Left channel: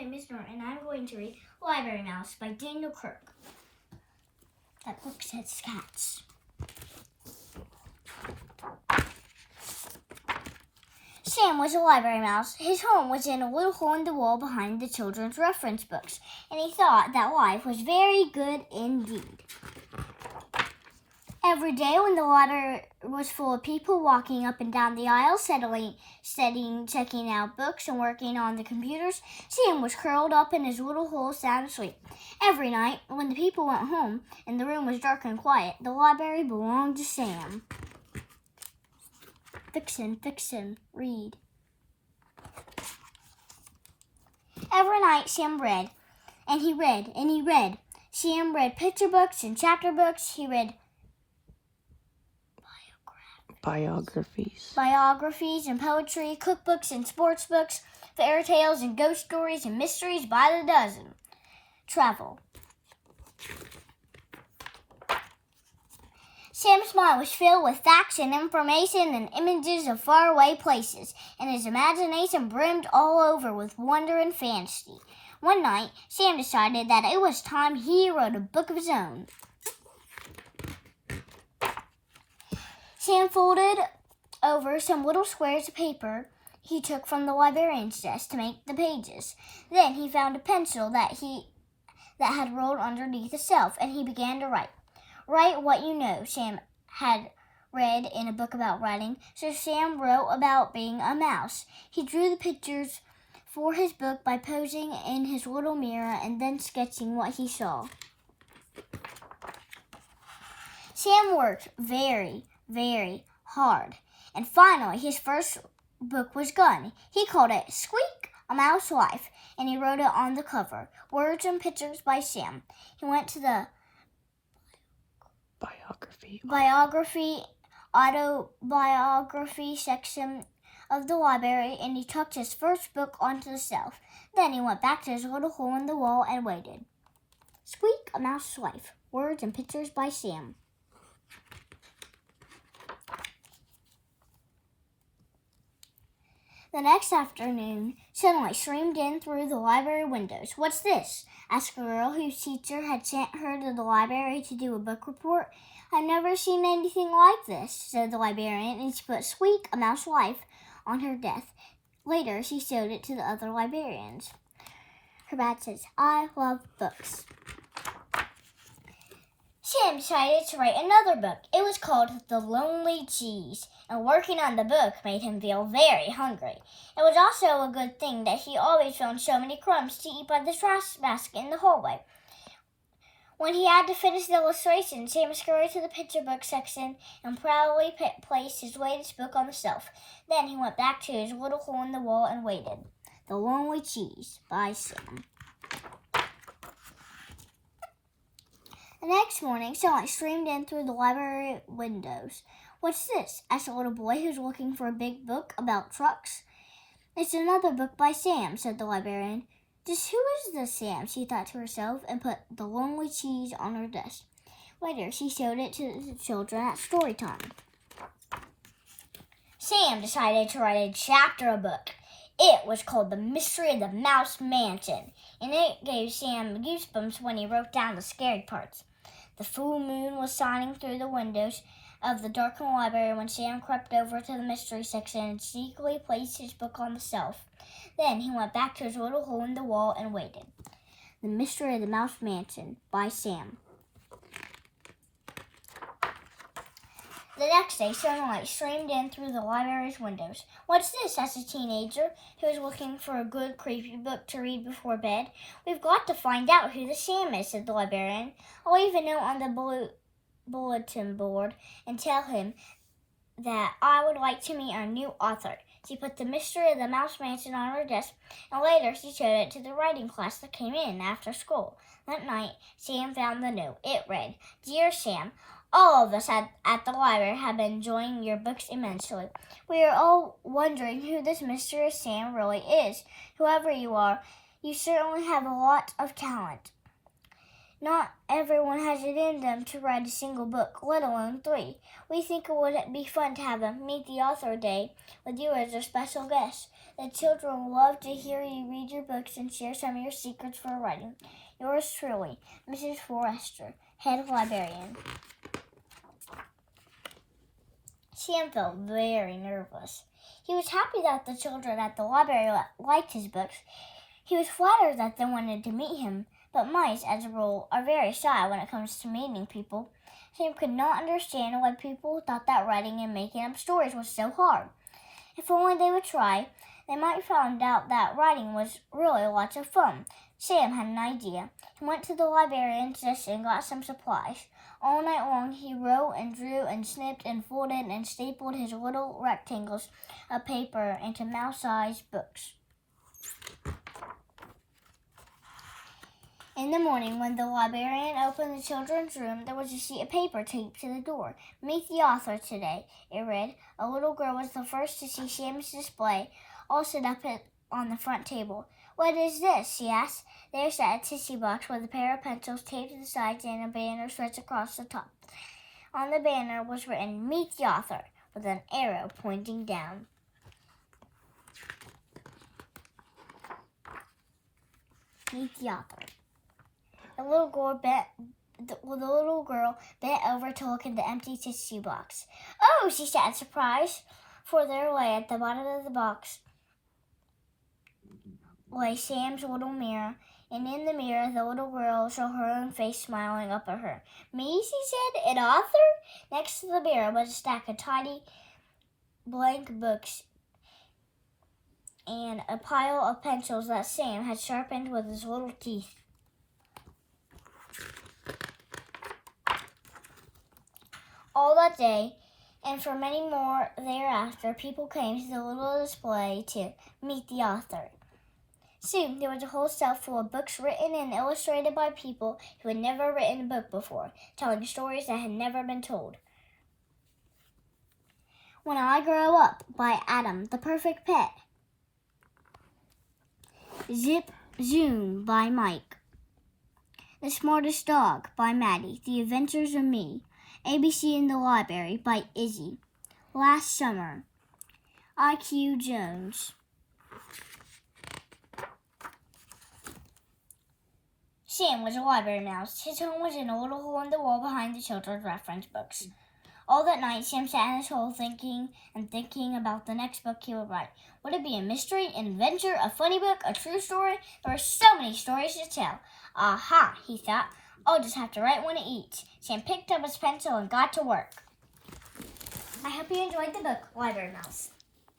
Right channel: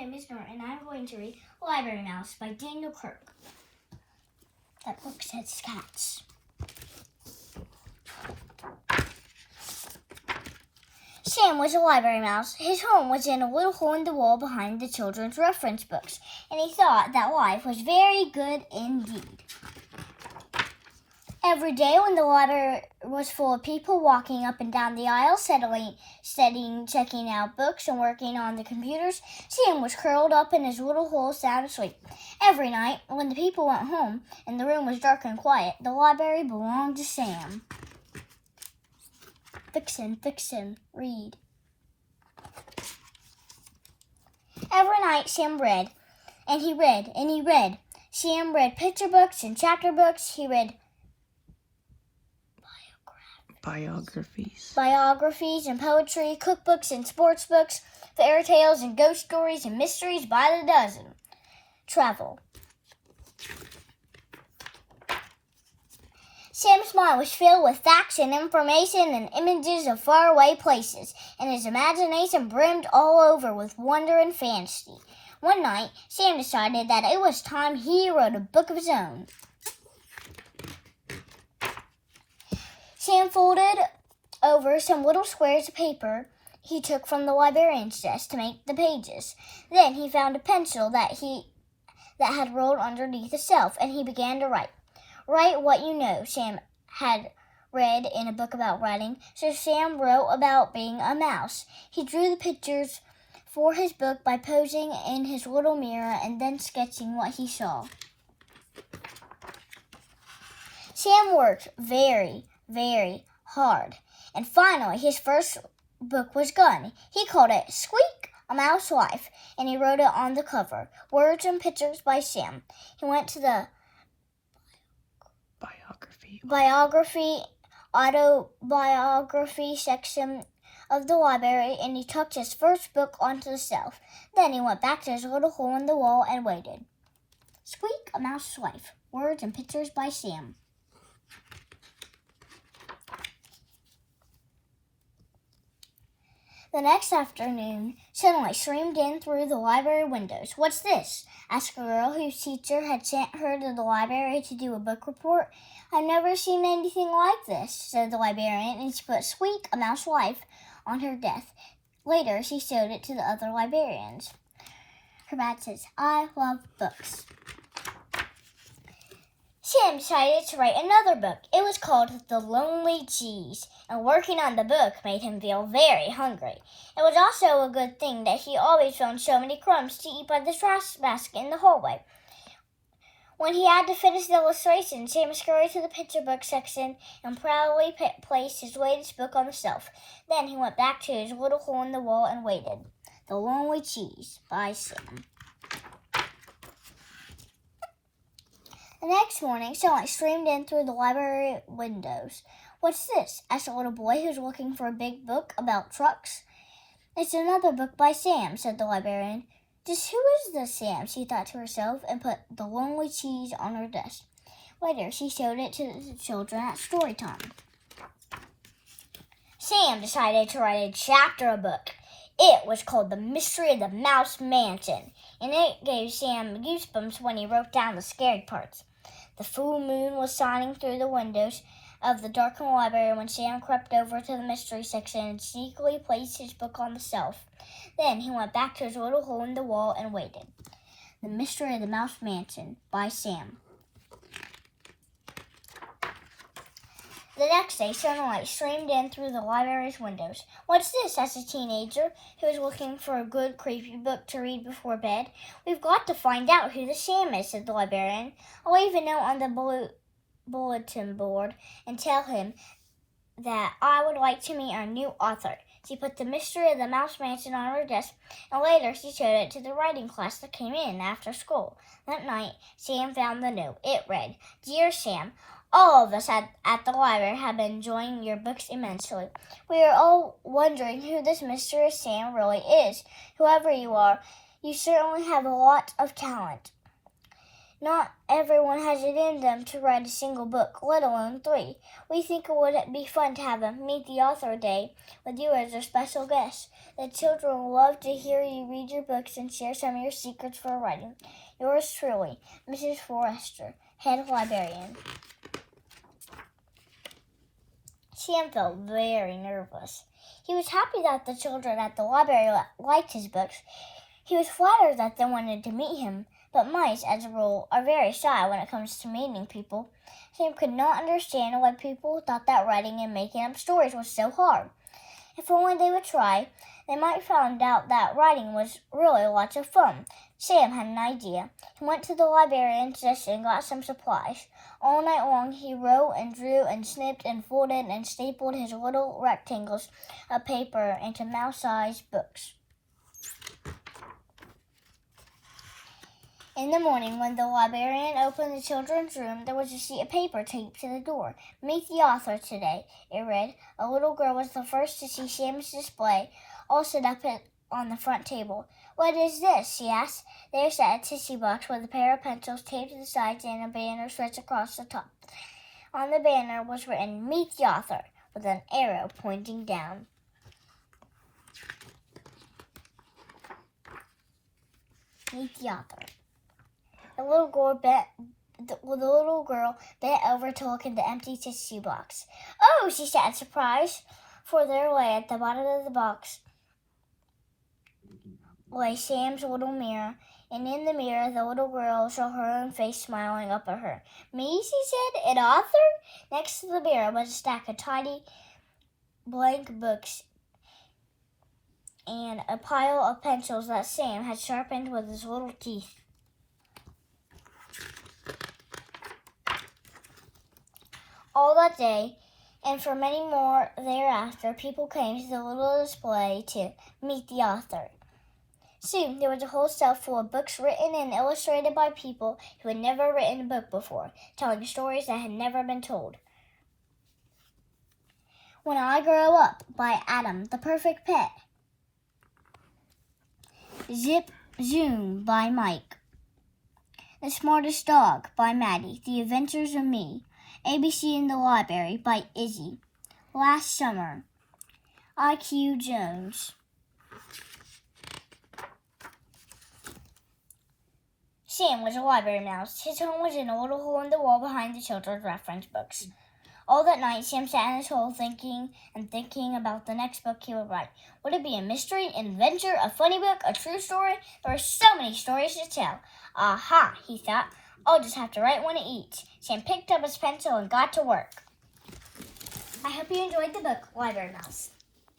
name is Norah, and I'm going to read Library Mouse by Daniel Kirk. That book says cats. Sam was a library mouse. His home was in a little hole in the wall behind the children's reference books, and he thought that life was very good indeed. Every day when the library was full of people walking up and down the aisles, studying, checking out books, and working on the computers, Sam was curled up in his little hole sound asleep. Every night, when the people went home and the room was dark and quiet, the library belonged to Sam. Vixen, read. Every night Sam read, and he read, and he read. Sam read picture books and chapter books. He read biographies and poetry, cookbooks and sports books, fairy tales and ghost stories and mysteries by the dozen. Travel. Sam's mind was filled with facts and information and images of faraway places, and his imagination brimmed all over with wonder and fantasy. One night, Sam decided that it was time he wrote a book of his own. Sam folded over some little squares of paper he took from the librarian's desk to make the pages. Then he found a pencil that had rolled underneath a shelf, and he began to write. Write what you know, Sam had read in a book about writing, so Sam wrote about being a mouse. He drew the pictures for his book by posing in his little mirror and then sketching what he saw. Sam worked very, very hard, and finally his first book was done. He called it Squeak, A Mouse Life, and he wrote it on the cover, Words and Pictures by Sam. He went to the autobiography section of the library, and he tucked his first book onto the shelf. Then he went back to his little hole in the wall and waited. Squeak, A Mouse's Life, Words and Pictures by Sam. The next afternoon, sunlight streamed in through the library windows. What's this? Asked a girl whose teacher had sent her to the library to do a book report. I've never seen anything like this, said the librarian, and she put Squeak, A Mouse's Life on her desk. Later, she showed it to the other librarians. Her badge says, I love books. Sam decided to write another book. It was called The Lonely Cheese, and working on the book made him feel very hungry. It was also a good thing that he always found so many crumbs to eat by the trash basket in the hallway. When he had to finish the illustration, Sam scurried to the picture book section and proudly placed his latest book on the shelf. Then he went back to his little hole in the wall and waited. The Lonely Cheese by Sam. The next morning, sunlight streamed in through the library windows. What's this? Asked a little boy who was looking for a big book about trucks. It's another book by Sam, said the librarian. Just who is this Sam? She thought to herself and put The Lonely Cheese on her desk. Later, she showed it to the children at Storytime. Sam decided to write a chapter of a book. It was called The Mystery of the Mouse Mansion, and it gave Sam goosebumps when he wrote down the scary parts. The full moon was shining through the windows of the darkened library when Sam crept over to the mystery section and sneakily placed his book on the shelf. Then he went back to his little hole in the wall and waited. The Mystery of the Mouse Mansion by Sam. The next day, sunlight streamed in through the library's windows. What's this? Asked a teenager who was looking for a good, creepy book to read before bed. We've got to find out who the Sam is, said the librarian. I'll leave a note on the bulletin board and tell him that I would like to meet our new author. She put The Mystery of the Mouse Mansion on her desk, and later she showed it to the writing class that came in after school. That night, Sam found the note. It read, Dear Sam, all of us at the library have been enjoying your books immensely. We are all wondering who this mysterious Sam really is. Whoever you are, you certainly have a lot of talent. Not everyone has it in them to write a single book, let alone 3. We think it would be fun to have a Meet the Author Day with you as a special guest. The children love to hear you read your books and share some of your secrets for writing. Yours truly, Mrs. Forrester, Head Librarian. Sam felt very nervous. He was happy that the children at the library liked his books. He was flattered that they wanted to meet him, but mice, as a rule, are very shy when it comes to meeting people. Sam could not understand why people thought that writing and making up stories was so hard. If only they would try, they might find out that writing was really lots of fun. Sam had an idea. He went to the librarian's desk and got some supplies. All night long he wrote and drew and snipped and folded and stapled his little rectangles of paper into mouse-sized books. In the morning, when the librarian opened the children's room, there was a sheet of paper taped to the door. "Meet the author today," it read. A little girl was the first to see Sam's display, all set up on the front table. "What is this?" she asked. There sat a tissue box with a pair of pencils taped to the sides and a banner stretched across the top. On the banner was written, "Meet the author," with an arrow pointing down. Meet the author. The little girl bent over to look at the empty tissue box. "Oh," she said in surprise, for there lay at the bottom of the box lay Sam's little mirror, and in the mirror the little girl saw her own face smiling up at her. "Me?" she said, "an author?" Next to the mirror was a stack of tiny blank books and a pile of pencils that Sam had sharpened with his little teeth. All that day, and for many more thereafter, people came to the little display to meet the author. Soon there was a whole shelf full of books written and illustrated by people who had never written a book before, telling stories that had never been told. "When I Grow Up" by Adam, the Perfect Pet. "Zip Zoom" by Mike. "The Smartest Dog" by Maddie. "The Adventures of Me." "ABC in the Library" by Izzy. "Last Summer." I.Q. Jones. Sam was a library mouse. His home was in a little hole in the wall behind the children's reference books. All that night, Sam sat in his hole thinking about the next book he would write. Would it be a mystery, an adventure, a funny book, a true story? There were so many stories to tell. Aha, he thought. I'll just have to write one each. Sam picked up his pencil and got to work. I hope you enjoyed the book, Library Mouse.